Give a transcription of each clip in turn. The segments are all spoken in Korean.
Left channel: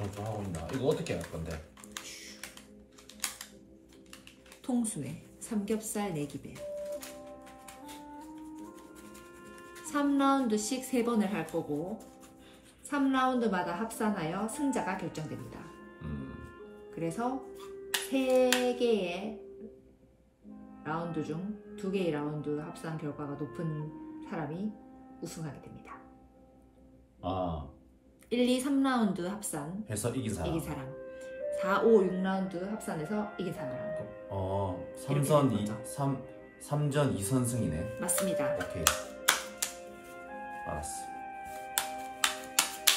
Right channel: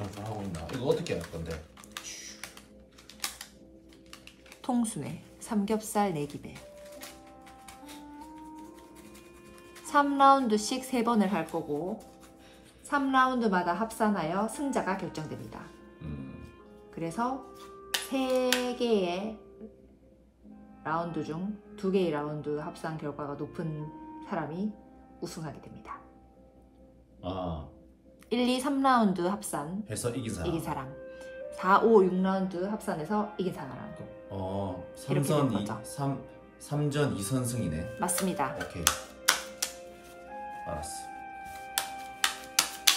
점수하고 있나? 이거 어떻게 할 건데? 통수에 삼겹살 내기대 3라운드씩 3번을 할 거고 3라운드마다 합산하여 승자가 결정됩니다. 그래서 3개의 라운드 중 2개의 라운드 합산 결과가 높은 사람이 우승하게 됩니다. 아 1, 2, 3라운드 합산 해서 이긴 사람. 4, 5, 6라운드 합산해서 이긴 사람. 3전 2선승이네. 맞습니다. 오케이. 알았어.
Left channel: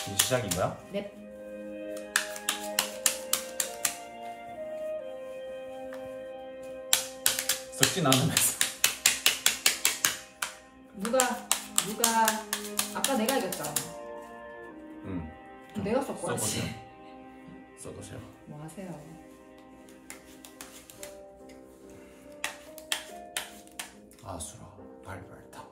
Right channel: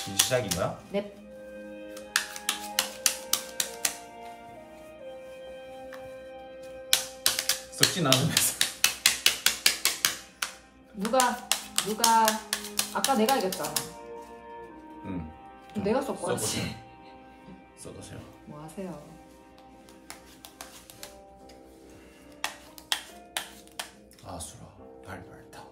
이제 시작인 거야? 네. 썩진 않으면서. 누가 아까 내가 이겼잖아. 응. 내가 썼고 써보세요. 써보세요. 뭐 하세요? 아수라 발발타.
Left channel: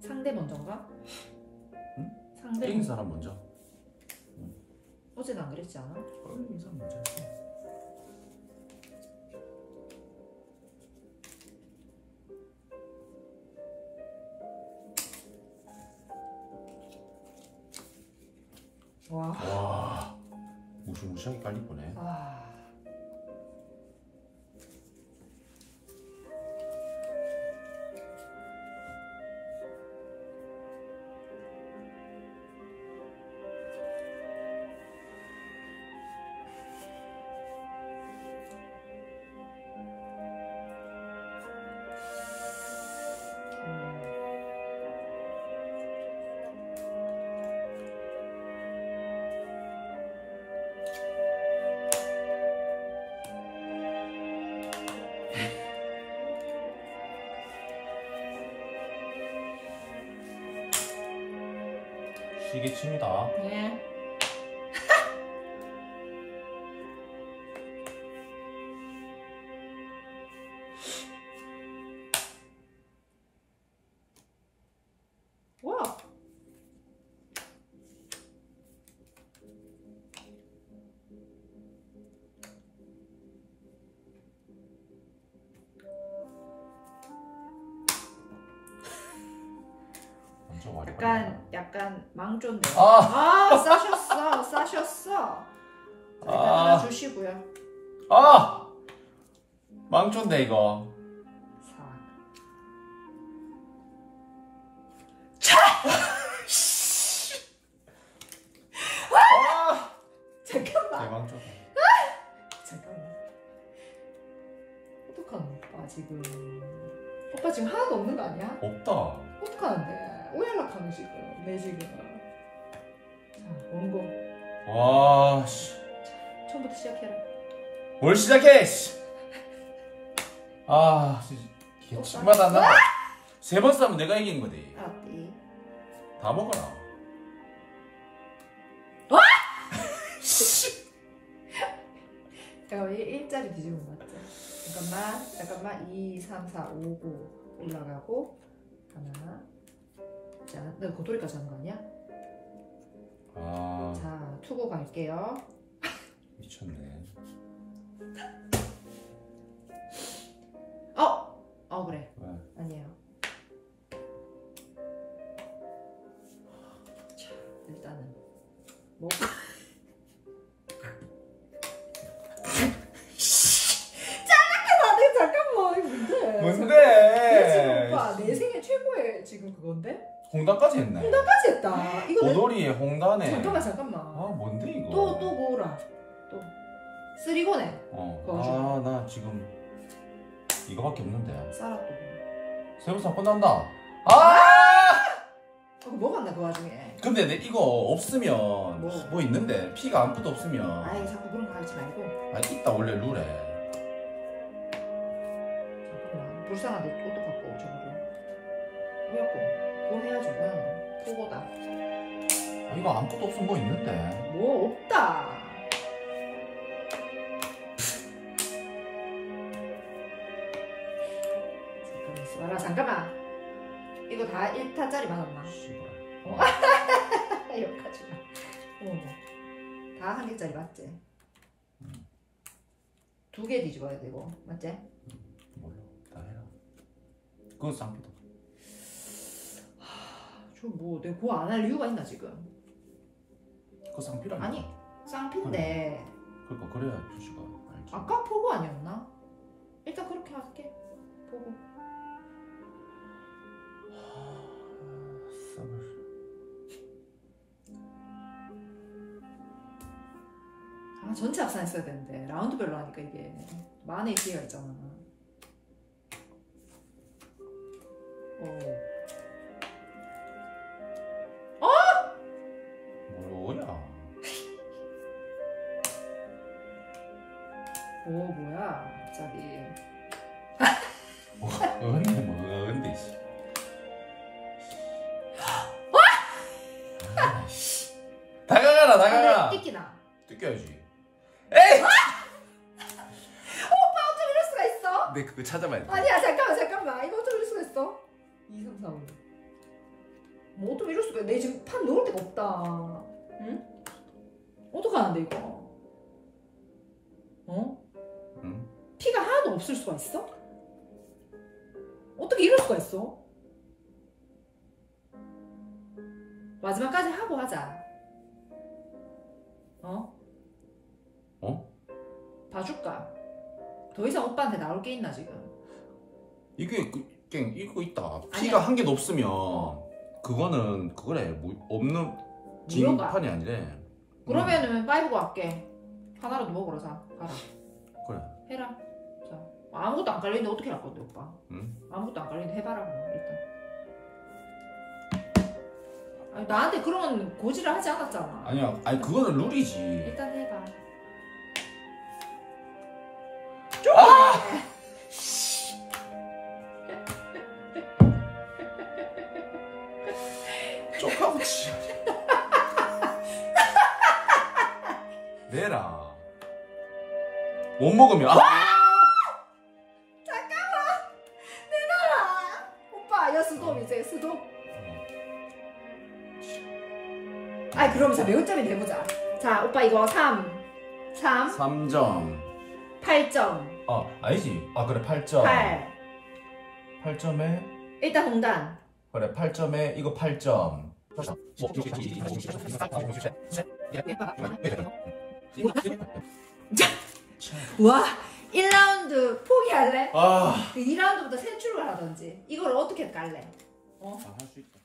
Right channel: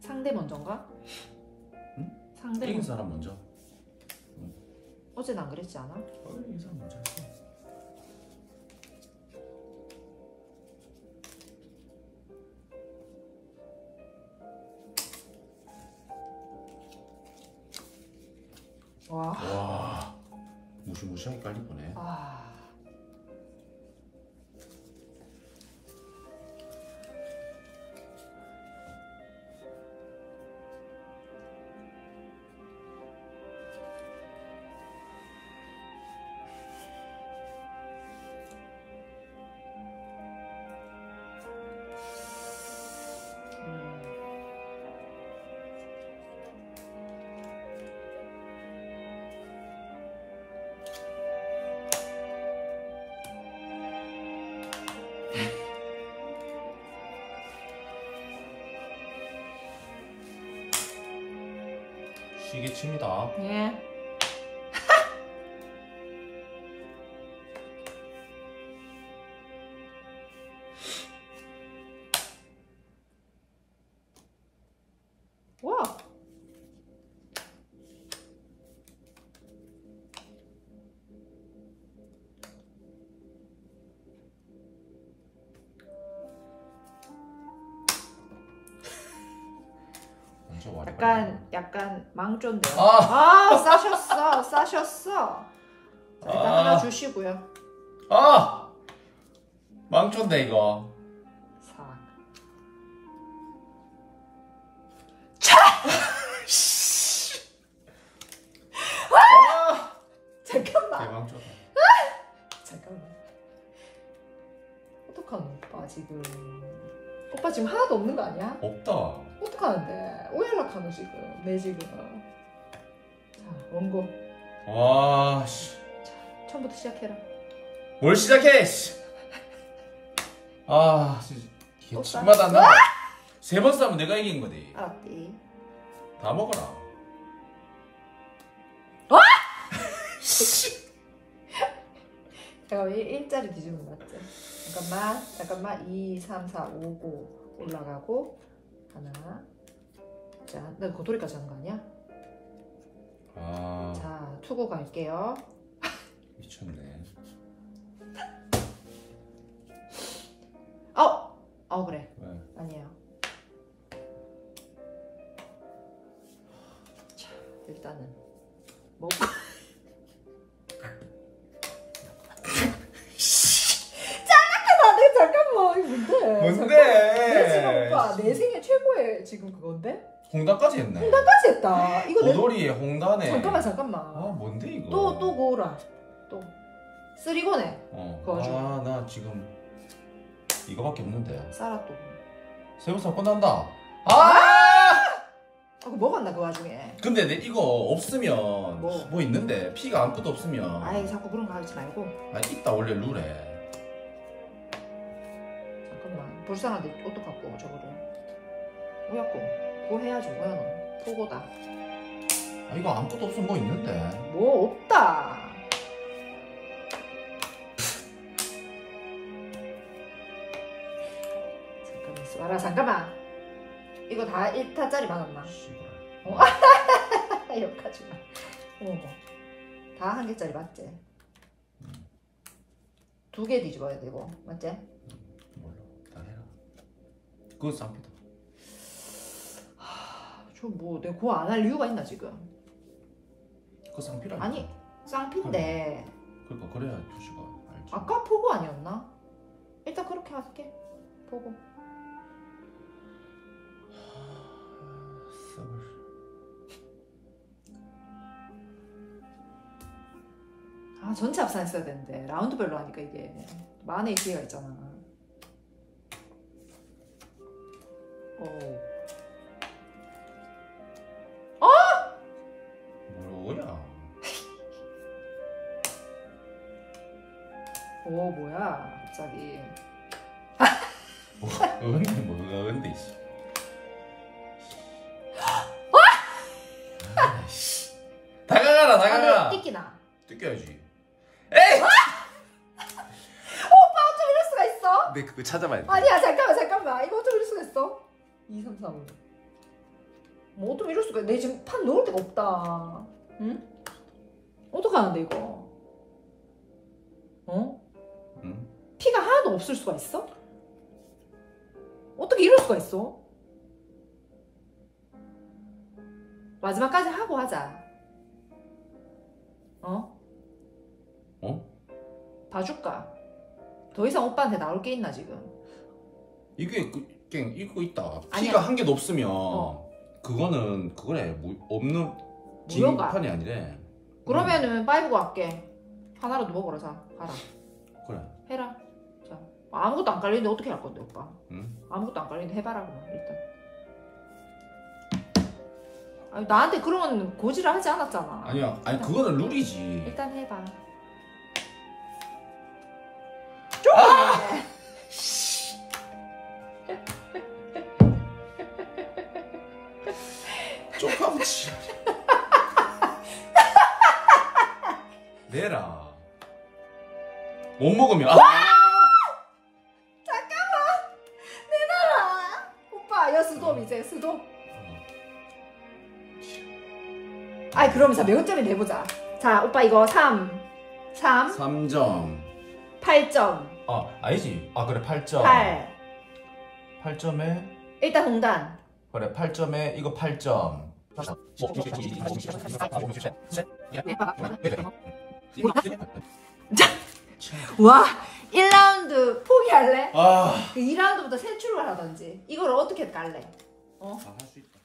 상대 먼저인가? 응? 상대 이긴 사람 먼저. 응. 어제는 안 그랬지 않아? 이긴 사람 먼저 했어. 와, 무시무시하게 깔릴 거네. 시계 칩니다. 예. 와. 약간 망조인데. 싸셨어. 하나 주시고요. 망조인데 이거. 잠깐만. 대망조다. 잠깐만. 어떡하노 오빠 지금. 오빠 지금 하나도 없는 거 아니야? 없다. 어떡하는데? 오열락하노 지금. 내 지금. 자, 원고. 와, 씨. 자, 처음부터 시작해라. 뭘 시작해, 씨. 개침마다 안 난다. 3번 싸면 내가 이긴 거지. 알았디. 다 먹어라. 와! 잠깐만, 일자리 뒤집은 거 맞지? 잠깐만. 2, 3, 4, 5, 9 올라가고 하나. 자, 내가 고도리까지 하는 거 아니야? 자, 투고 갈게요. 미쳤네. 그래. 왜? 아니에요. 자, 일단은 먹고. 잠깐만, 이거 뭔데? 내 지금 오빠 내 생애 최고의 지금 그건데? 홍단까지 했네. 홍단까지 했다. 이거 고돌이에 홍단에. 잠깐만. 뭔데 이거? 또 고라. 또 쓰리고네. 나 지금 이거밖에 없는데. 쌀았또. 세우사 끝난다. 그거 먹었나 그 와중에. 근데 이거 없으면 뭐 있는데 피가 아무것도 없으면. 아이 자꾸 그런 거 하지 말고. 있다 원래 룰에. 잠깐만. 불쌍한데 어떡하고 저거를. 뭐야고. 그거 해야지 뭐야 너. 그거다. 이거 아무것도 없으면 뭐 있는데. 뭐 없다. 있어 봐라 잠깐만 이거 다 1타짜리 맞았나? 씨발. 여기까지 어머 다 한 개짜리 맞지? 두 개 뒤집어야 되고 맞지? 몰라. 다 해라. 그건 쌍피다. 저뭐 내가 그거 안 할 이유가 있나 지금? 그거 쌍피라니까. 아니 쌍피인데 그러니까 그래야 표시가 알지. 아까 포고 아니었나? 일단 그렇게 할게 포고 썩을. 아 전체 합산 했어야 되는데 라운드별로 하니까 이게 만의 기회가 있잖아. 뭐야? 오 뭐야 갑자기. 여기는 뭐가 근데 있어. 아이씨. 다가가라 다가가. 띠끼나. 뜯겨야지. 에이! 오빠 어쩜 이럴 수가 있어? 근데 그거 찾아봐야 돼. 아니야 잠깐만 이거 어쩜 이럴 수가 있어? 2, 3, 4, 5 뭐 어쩜 이럴 수가 있어? 내 지금 판 넣을 데가 없다. 응? 어떡하는데 이거? 어? 응? 피가 하나도 없을 수가 있어? 어떻게 이럴 수가 있어? 마지막까지 하고 하자. 어? 어? 봐줄까? 더 이상 오빠한테 나올 게 있나 지금? 이게 깽 이거 있다. 아니야. 피가 한 개도 없으면 그거는 그거래 없는 무효가. 진판이 아니래. 그러면은 파이브고 할게. 하나라도 먹으러 자. 가라. 그래. 해라. 자 아무것도 안 깔리는데 어떻게 할 건데 오빠? 응? 아무것도 안 깔리는데 해봐라 그럼 일단. 아니, 나한테 그런 고지를 하지 않았잖아. 아니야. 아니 그거는 룰이지. 일단 해봐. 쪼까부치. 내라. 못 먹으면 잠깐만. 내놔라. 오빠 여 스톱 이제 스톱. 아이 그러면서 몇 점이 내보자. 자 오빠 이거 3 3점. 8점 아니지. 그래 8점. 8 8점에 일단 공단. 그래 8점에 이거 8점. 와 1라운드 포기할래? 아. 2라운드부터 새 출발하던지 이걸 어떻게 깔래? 할 수 있다.